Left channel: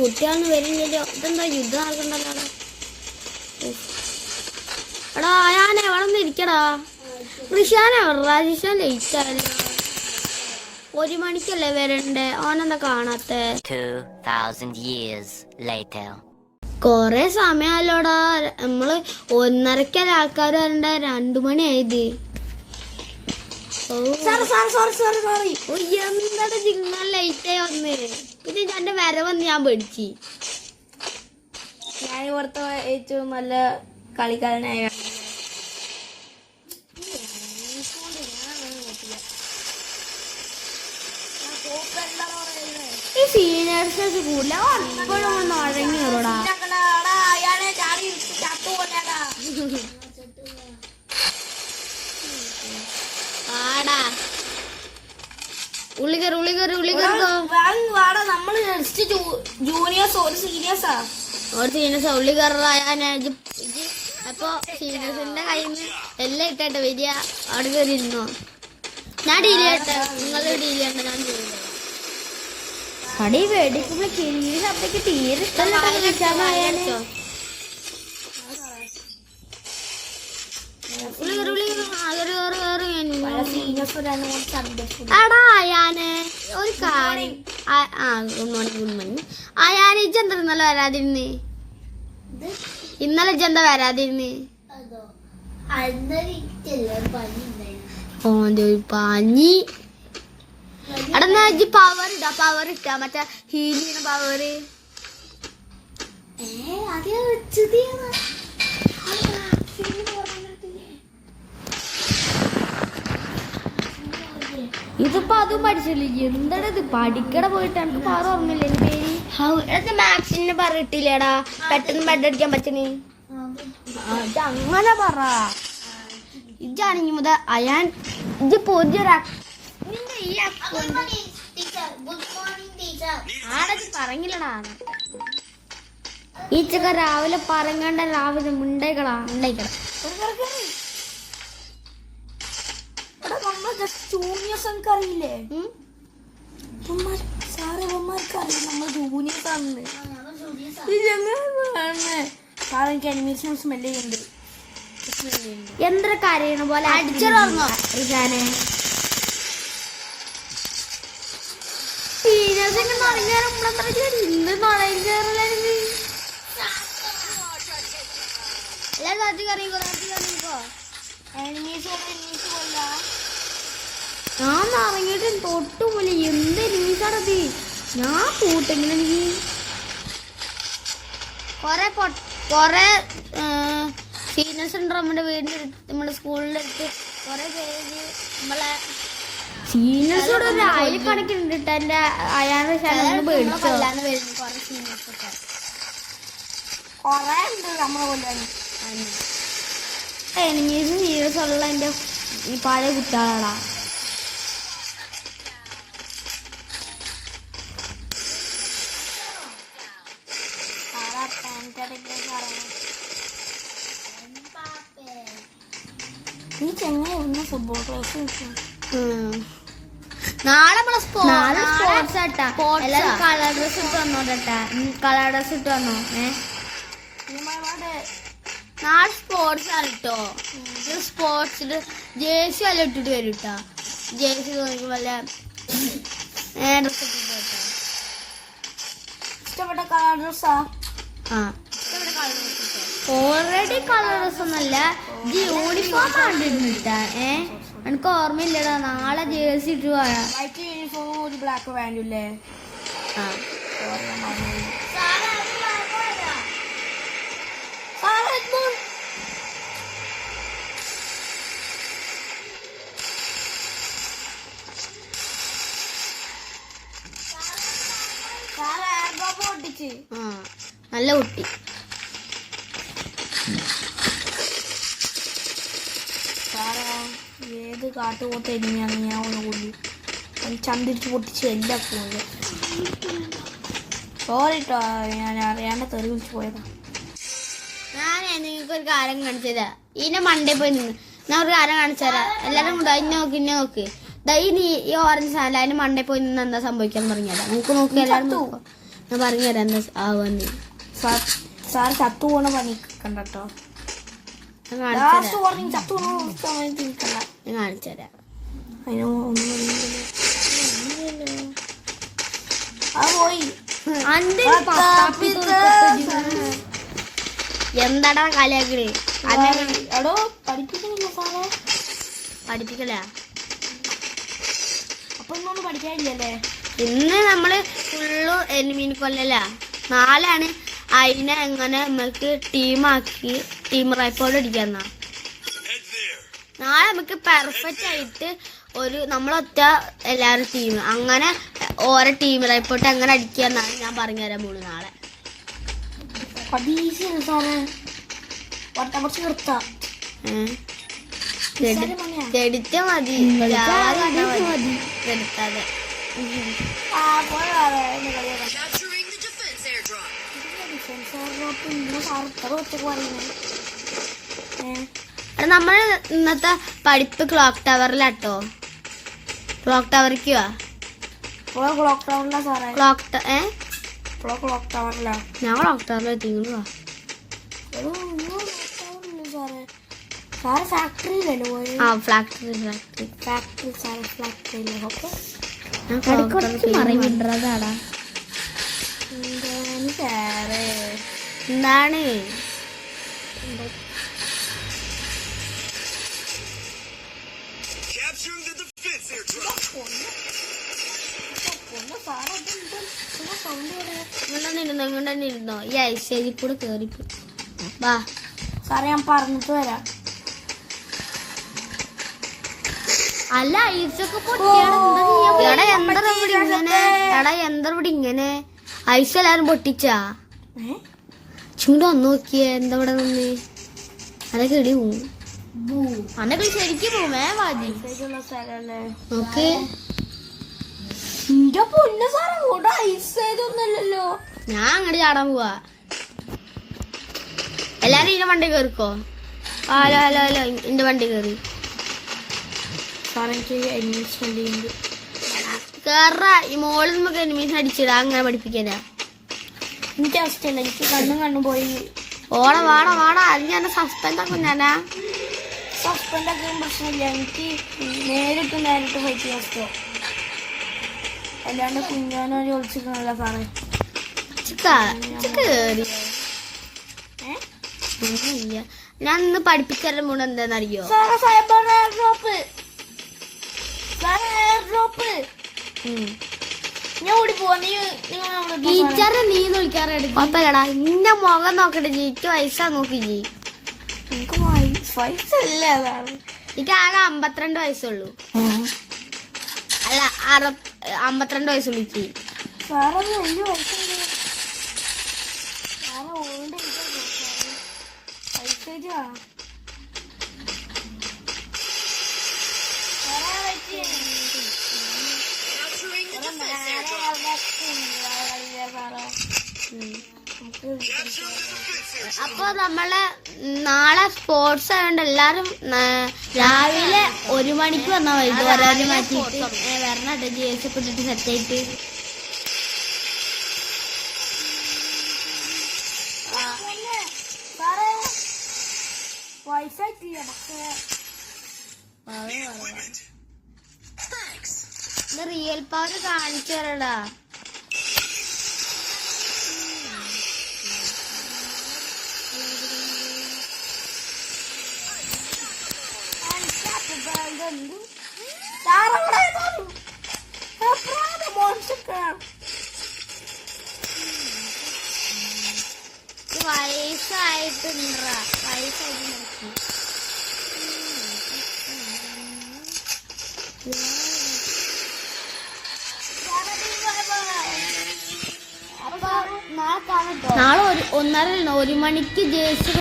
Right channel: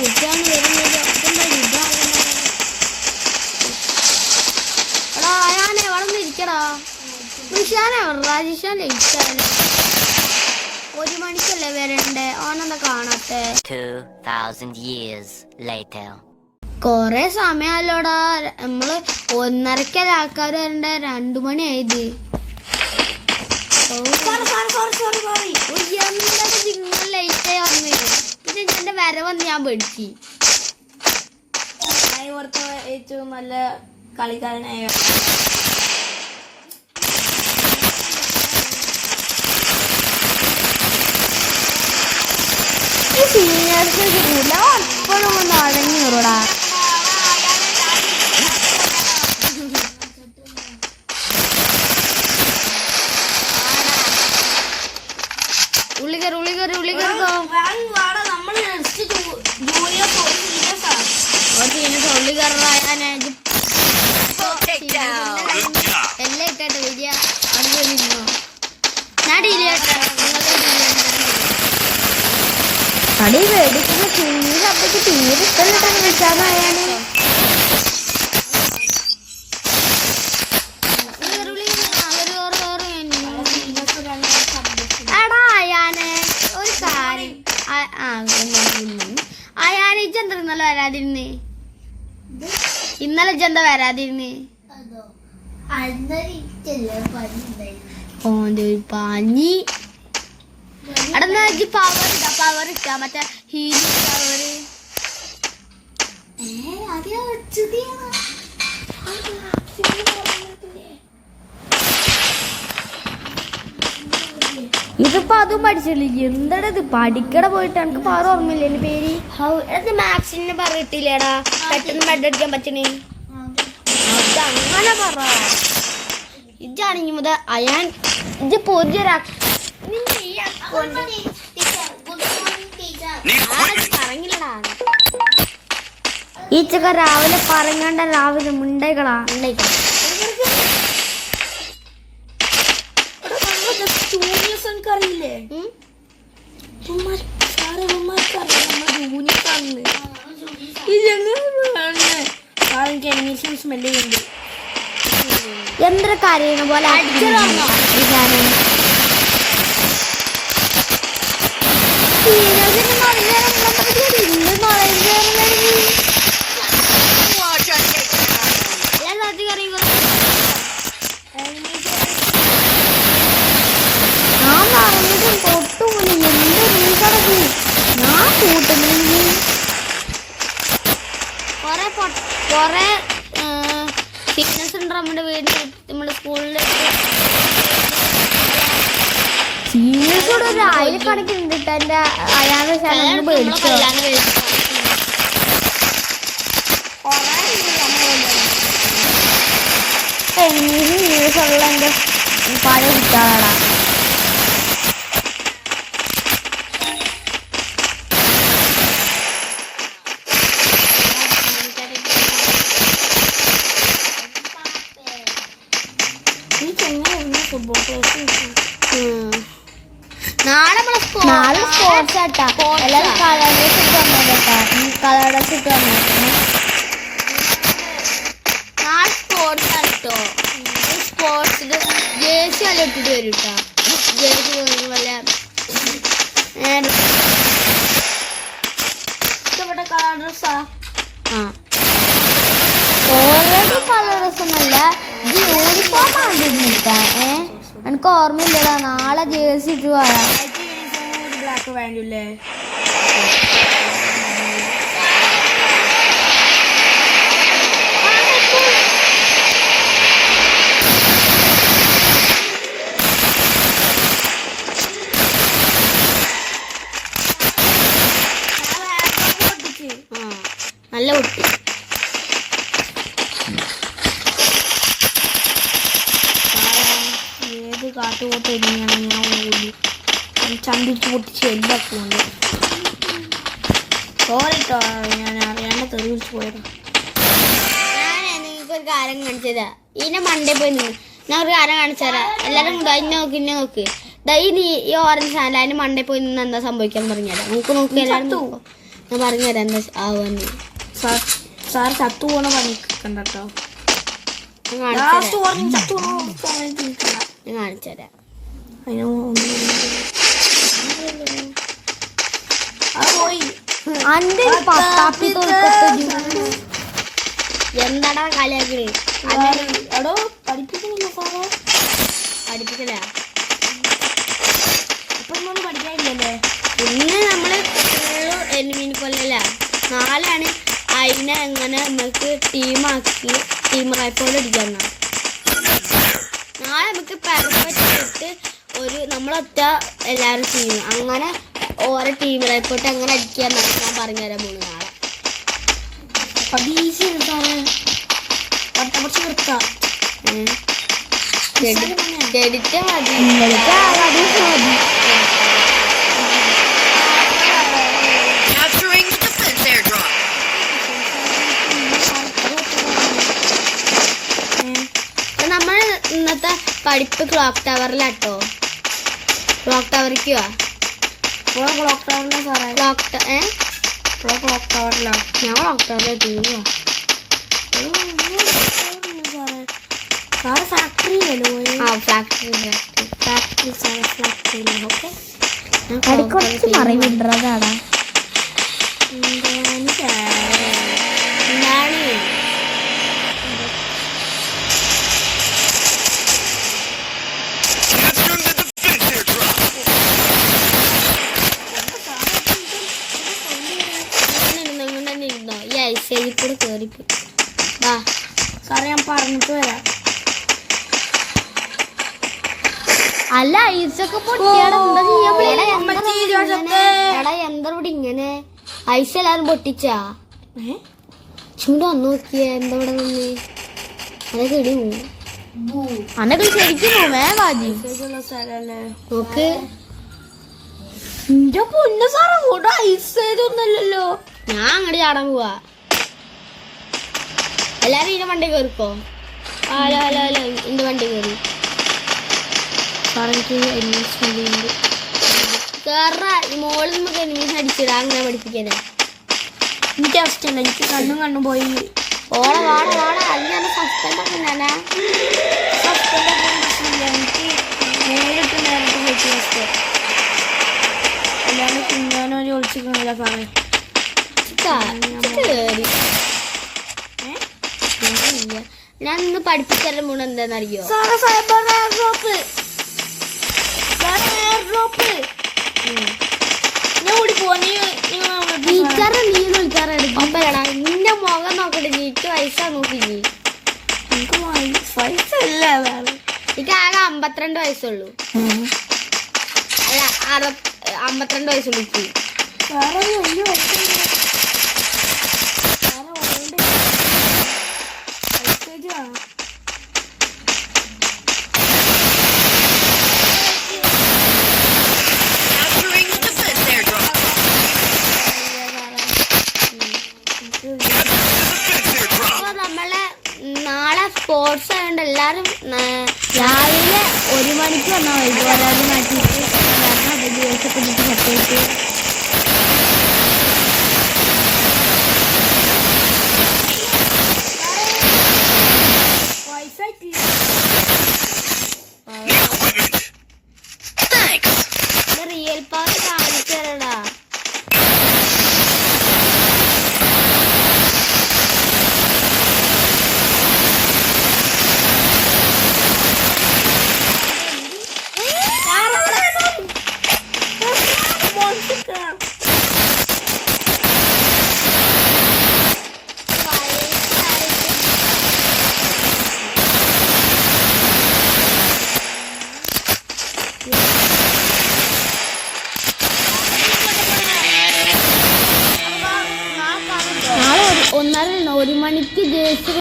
കുട്ടിയാന്ന് വരുന്നില്ല. ഇതെന്താ യുദ്ധം? എടാ ഞാനേ അവിടെ നിന്ന് ഇരിക്കടാ. ഋഷാനെ ജിഷാൻ ലയിച്ചാല് 1 മണിക്കല്ലേ വരണ്ടേ? ഓനെന്താ കാണാത്തെ? 2000 years later. കൊറേ സമയമല്ലോടാ. നമ്മള് 1:30 ആൾക്കാർ വരണ്ടേ. 2 മണിയായത്. നിങ്ങൾ ലൈറ്റായി വന്ന്. പിന്നെ എന്റെ വരവന്ന് ഞാൻ പേടിച്ചു. ഇവിടുത്തെ ഏറ്റവും നല്ല കളിക്കാരനായ സീനിയേഴ്സ് കൂല എപ്പോഴും ഒന്ന് അടങ്ങിയോടാ. ഉള്ളിക്കറിക്കോ എല്ലാം ഇട്ടായിട്ട് വരിക. അവിടെ നിന്നോ? ഞാൻ ഡീല് ചെയ്യട്ടെ. നിങ്ങളുടെ ഡീല് ചെയ്യണ്ട. കടി മേടിക്കുന്ന ചിരി ശബ്ദക്ക് തീരെ ഇഷ്ടമില്ല. വിളിച്ചാന്നായാണ് എടാ ഞാന് ഒരു കാര്യം അയാന് ഇജ്ജെന്താ ഇന്നലെ വരാതിരുന്ന്? ഇന്നലെ ഇജ്ജെന്താ വരാതിരുന്ന്? ഓന്റെ ഒരു പനി. എടാ ഇജ്ജ് പവർ ഇട്ടാ മറ്റേ ഹീലിംഗ് പവർ. ഇതിപ്പോ അതും പഠിച്ചില്ല. എന്താടാ ഇത്? പഠിക്കട പോയിട്ട് എനിക്ക് പവർ ഓർമ്മയില്ലേ എന്റെ പേര്? മാക്സിന് പറഞ്ഞിട്ടില്ലേടാ പെട്ടെന്ന് ബെഡ് അടിക്കാൻ പറ്റണേ. അതങ്ങനെ പറ. ഇജാണെങ്കിൽ മുതൽ അയാൻ ഇജ് പൊതിയൊരാ പറഞ്ഞില്ലടാ. ഈ ചക്ക രാവിലെ പറങ്ങണ്ട. രാവിലെ മുണ്ടൈകളാ ഉണ്ടായിക്കളാ. അറിയില്ലേ? എന്തൊരു കരയണ പോലെ അടിച്ചിറങ്ങോ? ഞാൻ പറഞ്ഞിട്ടും തൊട്ടുപോലെ എന്ത് റീസടക്ക് ഞാൻ കൂട്ടുന്നെങ്കിൽ കൊറേ ഫിറ്റ്നസ് ഉണ്ട് നമ്മുടെ വീടിന്. നമ്മുടെ സ്കൂളിൽ സീനിയേഴ്സോട് ഒരു 1000 കണക്കിനുണ്ട് കേട്ടോ. എന്റെ അയാളുടെ സ്ഥലം മേടിച്ചോ. സീനിയേഴ്സ് ഉള്ള എന്റെ പഴയ കുട്ടികളാടാ. നാളെ സ്പോർട്സ് ആട്ടാ. എല്ലാവരും കളർ ഡ്രസ് ഇട്ട് വന്നോട്ടാ. കളർ ഡ്രസ് ഇട്ട് വന്നോ. നാളെ സ്പോർട്സ് ആണ് കേട്ടോ. സ്പോർട്സില് ജേഴ്സി വല്ല ഇട്ടിട്ട് വരും കേട്ടോ. ജേഴ്സി വല്ല ഇഷ്ടപ്പെട്ട കളർ ഡ്രസ്സാ. ഓൾറെഡി കളർ ഡ്രസ് ഒന്നല്ല. ഇത് യൂണിഫോം ആണ്ടിട്ടാ. എനിക്ക് ഓർമ്മയില്ലടാ. നാളെ ജേഴ്സി ഇട്ട് പോരാ. ബ്ലാക്ക് വേണ്ടില്ലേ? നല്ല കുട്ടി. ഏത് കാട്ടുപോട്ട് എങ്ങനെയാണ് ഞാൻ ചന്തിച്ച് പൊട്ടിച്ച് എല്ലാക്കുന്നത്. സോറിട്ടോ, ഞാൻ അറിയാണ്ട് തെറി വിളിച്ച് പോയത്. ഞാൻ നിങ്ങൾക്കൊരു കാര്യം കാണിച്ചതാ. ഇതിന്റെ മണ്ടേ പോയി നിന്ന് ഞാൻ ഒരു കാര്യം കാണിച്ചു തരാം. എല്ലാരും കൂടെ ഇന്നെ നോക്ക്, ഇന്നെ നോക്ക്. ഈ ഓറഞ്ച് സാധനം അതിന് മണ്ടേ പോയി നിന്ന് എന്താ സംഭവിക്കാന്ന് പറഞ്ഞാ നമുക്ക് നോക്കി. എല്ലാരും നോക്കാം. ഞാൻ പറഞ്ഞുതരാം എന്താ ആവുമെന്ന്. സാർ ചത്തു പോണ പണി കണ്ടോ. ഞാൻ കാണിച്ചുതരാം. എന്താടാ കളിയാക്കണേ? പഠിപ്പിക്കുന്നില്ല സാറേ. പഠിപ്പിക്കല. അപ്പൊ പഠിക്കാനില്ലല്ലേ? ഇന്ന് നമ്മള് ഫുള്ള് എനിമീൻ കൊല്ലല. നാളെയാണ് അതിനെ എങ്ങനെ നമുക്ക് ടീം റൈപ്പോട് അടിക്കാന്ന. നാളെ നമുക്ക് പെർഫെക്റ്റ് ആയിട്ട് നമ്മളൊറ്റ എല്ലാവരും ടീം അങ്ങനെ ഓരോ ടീം റൈപ്പോട്ട് എങ്ങനെ അടിക്കാന്നാണ് ഞാൻ പറഞ്ഞുതരാൻ പോകുന്നു നാളെ. ചെടിച്ച മതി. നമ്മൾ ഇന്നത്തെ പഠിപ്പ് ക്ലോക്ക് ടവറിലാട്ടോ. ക്ലോക്ക് ടവറിക്ക് വാ. ക്ലോക്ക് ടവറിലാ സാറേ. ക്ലോക്ക് ടവറിലാ. ഞാൻ ക്ലോക്ക് ടവറിലെത്തി. സാറ് ഫാക്ടറിയിലല്ലോ പോയി. ആ ഫാക്ടറിയിലാണ്. ഓക്കെ. മറിവിടാടാ. എന്താണ് ഇരുന്നോ ഈ ഐസേജിൽ കൂടെ കേറിപ്പോയി. വാ സാറേ ഞാൻ പറഞ്ഞിട്ട് വരാം. അല്ല ഐസൊക്കെ പൊട്ടിയാടെ എന്താ എന്താ ഇവിടെ ഇങ്ങനെ ഐസ് എല്ലാരും പൊട്ടിച്ചാ? ചൂട് വന്നു നോക്കിയേ എന്താ ഇവിടെ നിന്ന്. അതൊക്കെ ഇടി അന്നൊക്കെ ശരിക്കും വാജി നോക്ക്. എന്റെ പൊന്നു സാറേ ഇവിടെ ഐസ് ചെയ്തൊന്നുമില്ലല്ലോ. ഞാൻ അങ്ങോട്ട് ചാടാൻ പോവാ. എല്ലാരും ഇതിന്റെ വണ്ടി കയറിക്കോ. ഹലോ ഹലോ ഹലോ എന്റെ വണ്ടി കയറി കേറ. ഈ മോളിൽ നമുക്ക് എനിമീസ് അടിച്ചിടാ. അങ്ങനെ പഠിപ്പിക്കാനാ എനിക്ക് അവസ്ഥയില്ല. എനിക്ക് കണ്ണും പോയി. ഓള വാട അതിന് സസ്പെൻഡ് ഒക്കെ ഞാനാ. എനിക്ക് നേരിട്ട് ഹെൽത്ത് അല്ലാണ്ട് കുഞ്ഞാനൊരു ഒളിച്ചിരിക്കുന്നില്ല സാറേ. കേറി ഞാൻ ഇന്ന് പഠിപ്പിച്ചാലും മൂന്ന് എന്താന്നറിയോ? ടീച്ചറെ നീ വിളിക്കാറുണ്ട്. അപ്പടാ നിന്റെ മുഖം നോക്കട്ടെ. എനിക്ക് വയസ്സാ നോക്കി. എനിക്ക് വയസ്സില്ല. എനിക്ക് ആകെ 52 വയസ്സുള്ളൂ. അല്ല 52 വയസ്സുള്ളൂ എനിക്ക്. അപ്പൊ നമ്മളെ നാളെ സ്പോർട്സ് ആയതുകൊണ്ട് എല്ലാരും രാവിലെ 1 മണിക്ക് വന്നാൽ മതി. ഒരാൾ മാറ്റിയിട്ട് വരണം. ദിവസമൊക്കെ സെറ്റായിട്ട് റിയൽ പവർ കാണിച്ചു തരടാ. നാളെ 1:30 1 മണിക്ക് ജേഴ്സി